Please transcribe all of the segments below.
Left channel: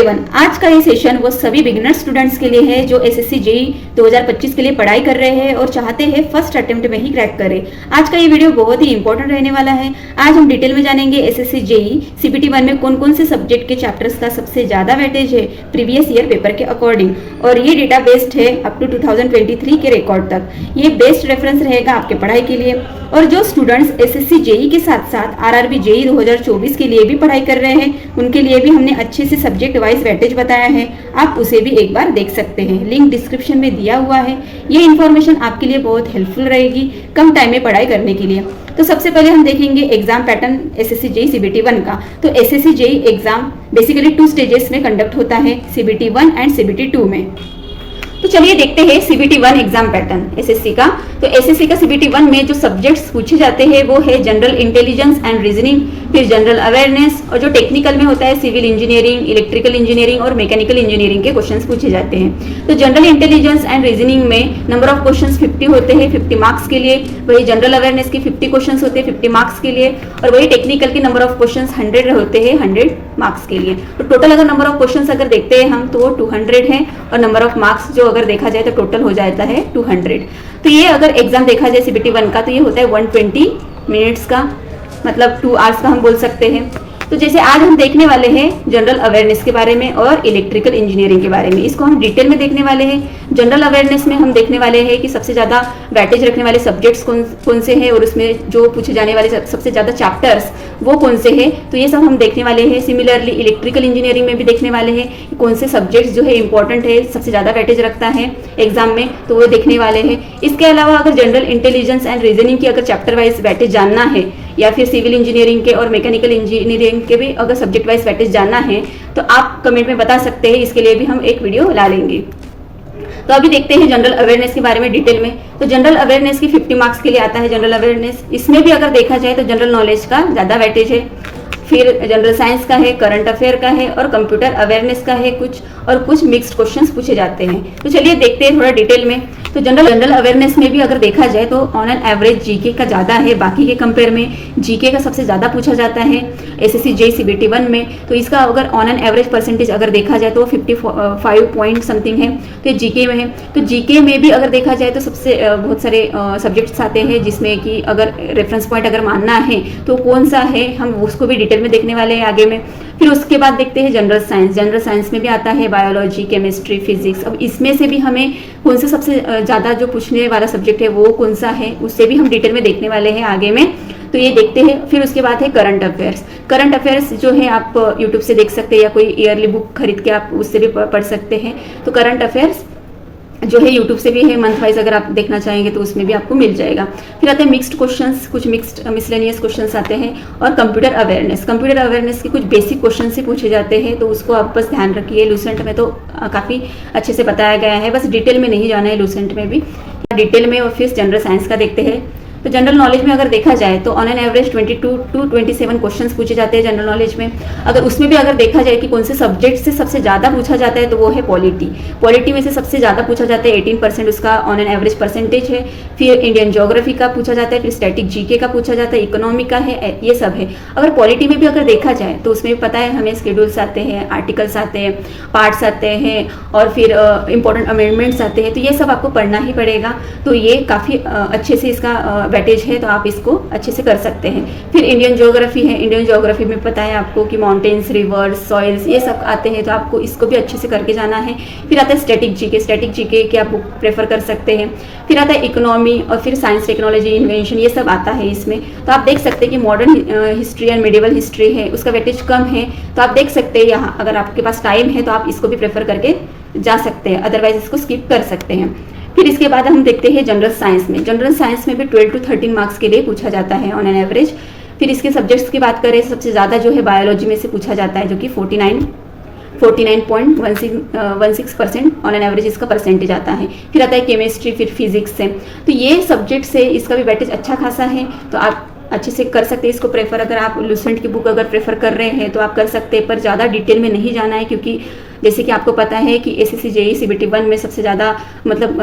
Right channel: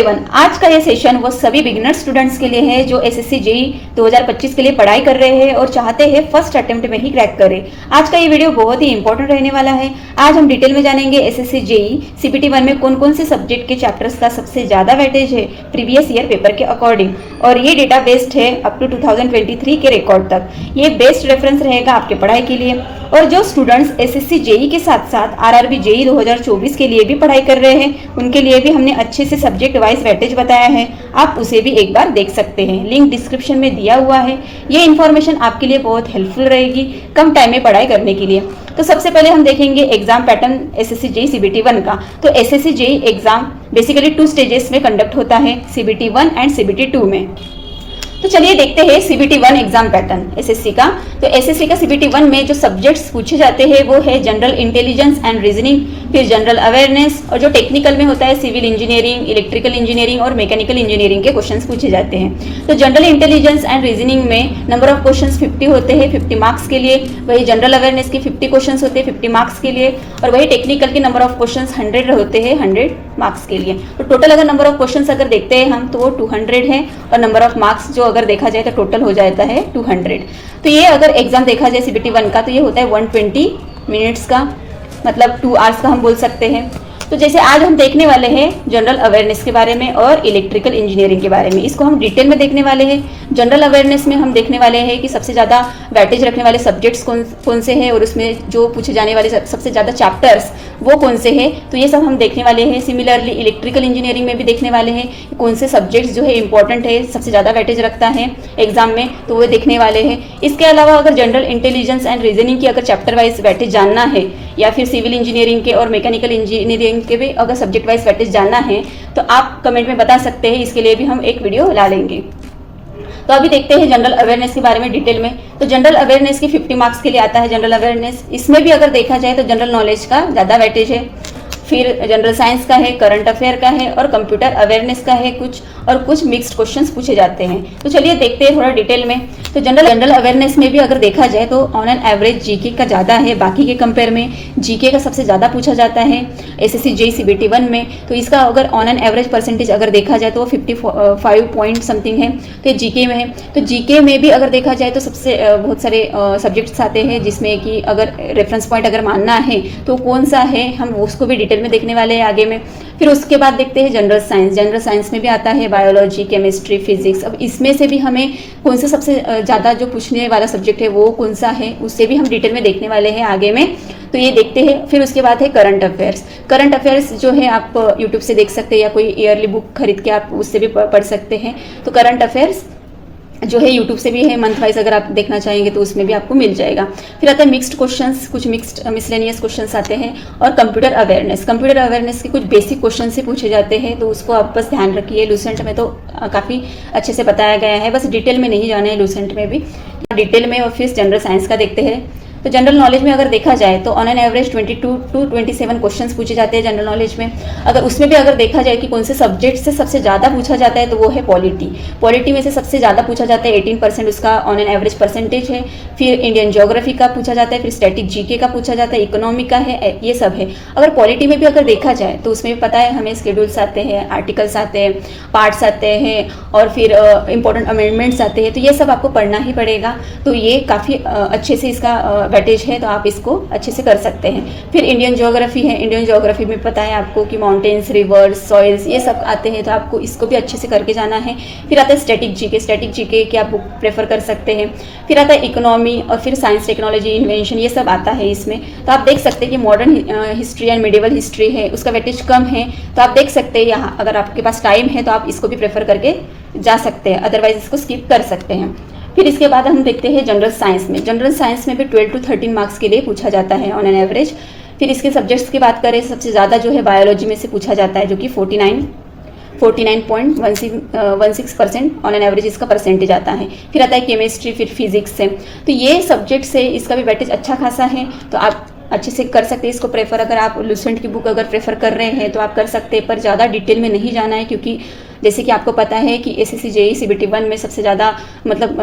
आज का ये सेशन वो सभी बिगिनर स्टूडेंट्स के लिए है जो एसएससी जेई 2025 के लिए पढ़ाई कर रहे हैं और चाहते हैं फर्स्ट अटेम्प्ट में ही क्रैक करें। आज का ये वीडियो बहुत ही इंपॉर्टेंट रहने वाला है। आज हम डिटेल में जानेंगे एसएससी जेई सीपीटी 1 में कौन कौन से सब्जेक्ट के चैप्टर्स का सबसे ज्यादा वेटेज है प्रीवियस ईयर पेपर के अकॉर्डिंग, और ये डेटा बेस्ड है अप टू 2023 के रिकॉर्ड तक। ये बेस्ट रेफरेंस रहेगा आपके पढ़ाई के लिए। और जो स्टूडेंट्स एसएससी जेई के साथ साथ आरआरबी जेई 2024 के लिए भी पढ़ाई कर रहे हैं उनके लिए भी हमने अच्छे से सब्जेक्ट वाइज वेटेज बताया है, आप उसे भी एक बार देख सकते हैं। लिंक डिस्क्रिप्शन में दिया हुआ है। ये इन्फॉर्मेशन आपके लिए बहुत हेल्पफुल रहेगी कम टाइम में पढ़ाई करने के लिए। तो सबसे पहले हम देखेंगे exam pattern SSC JE CBT 1 का। तो SSC JE exam basically 2 stages में कंडक्ट होता है, सीबीटी 1 एंड सीबीटी 2 में। तो चलिए देखते हैं सीबीटी 1 एग्जाम पैटर्न एसएससी का। तो एसएससी का सीबीटी 1 में जो सब्जेक्ट्स पूछे जाते हैं वो है जनरल इंटेलिजेंस एंड रीजनिंग, फिर जनरल अवेयरनेस, और जो टेक्निकल में होता है सिविल इंजीनियरिंग, इलेक्ट्रिकल इंजीनियरिंग और मैकेनिकल इंजीनियरिंग के क्वेश्चंस पूछे जाते हैं। तो जनरल इंटेलिजेंस एंड रीजनिंग में नंबर ऑफ क्वेश्चंस 50 होते हैं 50 मार्क्स के लिए, वही जनरल अवेयरनेस के 50 क्वेश्चंस होते हैं 50 मार्क्स के लिए, और वही टेक्निकल के नंबर ऑफ क्वेश्चंस 100 होते हैं 100 मार्क्स के लिए। तो टोटल अगर नंबर ऑफ क्वेश्चंस अगर देखते हैं हम तो 200 है, और नंबर ऑफ मार्क्स जो अगर देखा जाए तो टोटल हो जाता है 200। तो ये अगर एग्जाम देखा जाए सीबीटी 1 का तो ये होता है 120 मिनट्स का, मतलब 2 आवर्स का हम बोल सकते हैं। तो जैसे आज हम देखने वाले हैं जनरल अवेयरनेस के बारे में और इलेक्ट्रिकल इंजीनियरिंग के बारे में, इसको हम डिटेल में देखने वाले हैं। जनरल अवेयरनेस में हम देखने वाले हैं कि सबसे ज़्यादा वेटेज रखने वाले सब्जेक्ट्स कौन से हैं और उसमें जो पूछे जाने वाले सबसे ज़्यादा चैप्टर्स वो कौन से हैं, तो ये सब हम देखने वाले हैं। सिमिलरली इलेक्ट्रिकल इंजीनियरिंग में भी देखने वाले हैं कौन से सब्जेक्ट्स जो है इंपॉर्टेंट है, सबसे ज़्यादा वेटेज रखता है एग्जाम में, तो वो देखने वाले हैं। इसके अलावा अगर जनरल इंटेलिजेंस एंड रीजनिंग की अगर चैप्टर वाइज वेटेज जानना है, या फिर सिविल इंजीनियरिंग के और मैकेनिकल इंजीनियरिंग के भी अगर सब्जेक्ट वाइज वेटेज जानना है तो आप कमेंट में बता सकते हैं, इसके लिए भी हम एक वीडियो ला लेंगे। तो अभी देखते हैं जनरल अवेयरनेस के बारे में डिटेल में। तो जनरल अवेयरनेस के 50 मार्क्स के लिए आता है जनरल अवेयरनेस। इसमें भी अगर देखा जाए तो जनरल नॉलेज का ज़्यादा वेटेज है, फिर जनरल साइंस का है, करंट अफेयर का है और कंप्यूटर अवेयरनेस का है कुछ, और कुछ मिक्स्ड क्वेश्चंस पूछे जाते हैं। तो चलिए देखते हैं थोड़ा डिटेल में। तो जनरल अवेयरनेस में भी अगर देखा जाए तो ऑन एन एवरेज जीके का ज़्यादा है, बाकी के कंपेयर में जीके का सबसे ज़्यादा पूछा जाता है एसएससी जेई सीबीटी 1 में। तो इसका अगर ऑन एन एवरेज परसेंटेज अगर देखा जाए तो 55 पॉइंट समथिंग है, तो जीके में है। तो जीके में भी अगर देखा जाए तो सबसे बहुत सारे सब्जेक्ट्स आते हैं जिसमें कि अगर रेफरेंस पॉइंट अगर मानना है तो कौन सा है हम उसको भी डिटेल में देखने वाले हैं आगे में। फिर उसके बाद देखते हैं जनरल साइंस। जनरल साइंस में भी आता है बायोलॉजी, केमिस्ट्री, फिजिक्स। अब इसमें से भी हमें कौन सा सबसे ज़्यादा जो पूछने वाला सब्जेक्ट है वो कौन सा है उससे भी हम डिटेल में देखने वाले हैं आगे में, तो ये देखते हैं। फिर उसके बाद है करंट अफेयर्स। करंट अफेयर्स जो है आप यूट्यूब से देख सकते हैं या कोई ईयरली बुक खरीद के आप उससे भी पढ़ सकते हैं। तो करंट अफेयर्स जो है यूट्यूब से भी है, मंथ वाइज अगर आप देखना चाहेंगे तो उसमें भी आपको मिल जाएगा। फिर आता है मिक्स्ड क्वेश्चंस, कुछ मिक्स्ड मिसलेनियस क्वेश्चंस आते हैं, और कंप्यूटर अवेयरनेस। कंप्यूटर अवेयरनेस के कुछ बेसिक क्वेश्चन ही पूछे जाते हैं, तो उसको आप बस ध्यान रखिए। लूसेंट में तो काफ़ी अच्छे से बताया गया है, बस डिटेल में नहीं जाना है लूसेंट में भी डिटेल में। और फिर जनरल साइंस का देखते हैं। तो जनरल नॉलेज में अगर देखा जाए तो on an average 22 to 27 questions पूछे जाते हैं जनरल नॉलेज में। अगर उसमें भी अगर देखा जाए कि कौन से सब्जेक्ट से सबसे ज़्यादा पूछा जाता है तो वो है पॉलिटी। पॉलिटी में से सबसे ज़्यादा पूछा जाता है 18% उसका ऑन एन एवरेज परसेंटेज है। फिर इंडियन ज्योग्राफी का पूछा जाता है, फिर स्टैटिक जीके का पूछा जाता है, इकोनॉमी का है, ये सब है। अगर पॉलिटी में भी अगर देखा जाए तो उसमें भी पता है हमें शेड्यूल्स आते हैं, आर्टिकल्स आते हैं, पार्ट्स आते हैं, और फिर इंपॉर्टेंट अमेंडमेंट्स आते हैं, तो ये सब आपको पढ़ना ही पड़ेगा। तो ये काफ़ी अच्छे से इसका वेटेज है, तो आप इसको अच्छे से कर सकते हैं। फिर इंडियन ज्योग्राफी है। इंडियन ज्योग्राफी में पता है आपको कि माउंटेन्स, रिवर्स, सॉइल्स ये सब आते हैं, तो आपको इसको भी अच्छे से करके जाना है। फिर आता है स्टैटिक जीके। स्टैटिक जीके की आप बुक प्रेफर कर सकते हैं। फिर आता है इकोनॉमी, और फिर साइंस, टेक्नोलॉजी, इन्वेंशन, ये सब आता है इसमें। तो आप देख सकते हैं कि modern history and medieval history है, उसका वेटेज कम है, तो आप देख सकते हैं यहाँ अगर आपके पास टाइम है तो आप इसको भी प्रेफर करके जा सकते हैं, अदरवाइज इसको स्किप कर सकते हैं। फिर इसके बाद हम देखते हैं जनरल साइंस में। जनरल साइंस में भी 12 to 13 मार्क्स के लिए पूछा जाता है ऑन एन एवरेज। फिर इसके सब्जेक्ट्स की बात करें सबसे ज़्यादा जो है बायोलॉजी में से पूछा जाता है, जो कि 49.16% ऑन एन एवरेज इसका परसेंटेज आता है। फिर आता है केमिस्ट्री, फिर फिजिक्स से। तो ये सब्जेक्ट से इसका भी वेटेज अच्छा खासा है, तो आप अच्छे से कर सकते हैं इसको प्रेफर। अगर आप लूसेंट की बुक अगर प्रेफर कर रहे हैं तो आप कर सकते हैं, पर ज़्यादा डिटेल में नहीं जाना है, क्योंकि जैसे कि आपको पता है कि एसएससी जेई सीबीटी 1 में सबसे ज़्यादा मतलब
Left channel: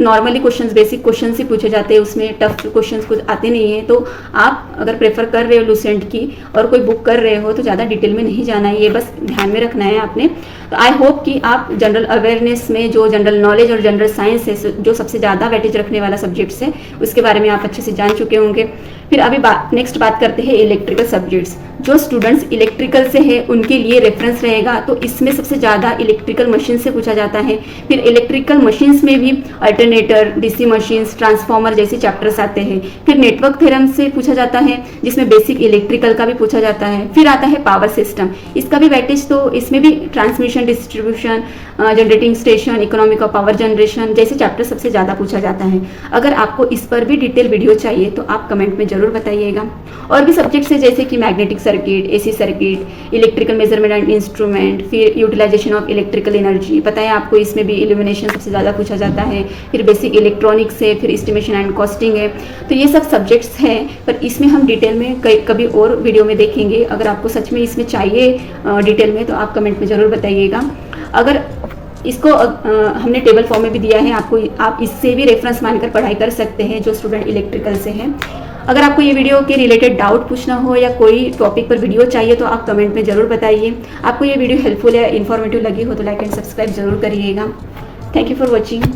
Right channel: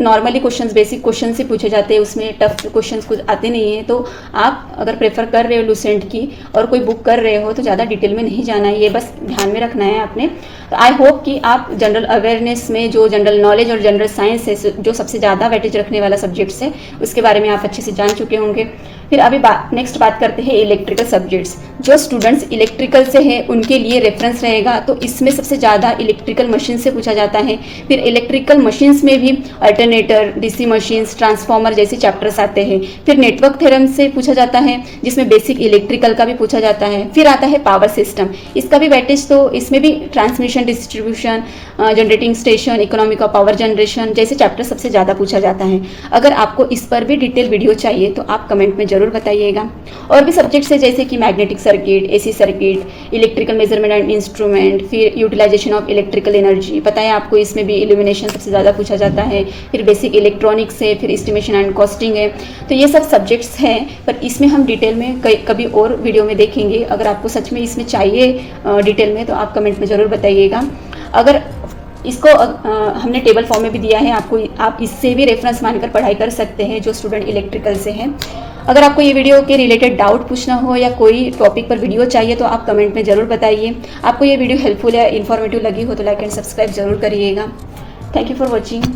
नॉर्मली क्वेश्चंस, बेसिक क्वेश्चन से पूछे जाते हैं, उसमें टफ क्वेश्चंस कुछ आते नहीं हैं। तो आप अगर प्रेफर कर रहे हो लूसेंट की और कोई बुक कर रहे हो तो ज़्यादा डिटेल में नहीं जाना है, ये बस ध्यान में रखना है आपने। तो आई होप कि आप जनरल अवेयरनेस में जो जनरल नॉलेज और जनरल साइंस है, जो सबसे ज़्यादा वेटेज रखने वाला सब्जेक्ट्स है, उसके बारे में आप अच्छे से जान चुके होंगे। फिर अभी नेक्स्ट बात करते हैं इलेक्ट्रिकल सब्जेक्ट्स। जो स्टूडेंट्स इलेक्ट्रिकल से है उनके लिए रेफरेंस रहेगा, तो इसमें सबसे ज़्यादा इलेक्ट्रिकल मशीन से पूछा जाता है। फिर इलेक्ट्रिकल मशीन्स में भी अल्टरनेटर, डीसी मशीन्स, ट्रांसफॉर्मर जैसे चैप्टर्स आते हैं। फिर नेटवर्क थ्योरम से पूछा जाता है, जिसमें बेसिक इलेक्ट्रिकल का भी पूछा जाता है। फिर आता है पावर सिस्टम, इसका भी वेटेज, तो इसमें भी transmission, distribution, generating station, economic of power generation जैसे चैप्टर सबसे ज़्यादा पूछा जाता है। अगर आपको इस पर भी डिटेल वीडियो चाहिए तो आप कमेंट में जरूर बताइएगा। और भी सब्जेक्ट्स है जैसे कि magnetic circuit, AC circuit, electrical measurement and instrument, फिर यूटिलाइजेशन ऑफ इलेक्ट्रिकल एनर्जी, पता है आपको, इसमें भी इल्यूमिनेशन सबसे ज़्यादा पूछा जाता है। फिर बेसिक इलेक्ट्रॉनिक्स है, फिर एस्टिमेशन एंड कॉस्टिंग है। तो ये सब सब्जेक्ट्स हैं, पर इसमें हम डिटेल में कभी और वीडियो में देखेंगे। अगर आपको सच में इसमें चाहिए डिटेल में तो आप कमेंट में ज़रूर बताइएगा। अगर इसको हमने टेबल फॉर्म में भी दिया है आपको, आप इससे भी रेफरेंस मानकर पढ़ाई कर सकते हैं जो स्टूडेंट इलेक्ट्रिकल से हैं। अगर आपको ये वीडियो के रिलेटेड डाउट पूछना हो या कोई टॉपिक पर वीडियो चाहिए तो आप कमेंट में ज़रूर बताइए। आपको ये वीडियो हेल्पफुल या इन्फॉर्मेटिव लगी हो तो लाइक एंड सब्सक्राइब जरूर करिएगा। Thank you for watching.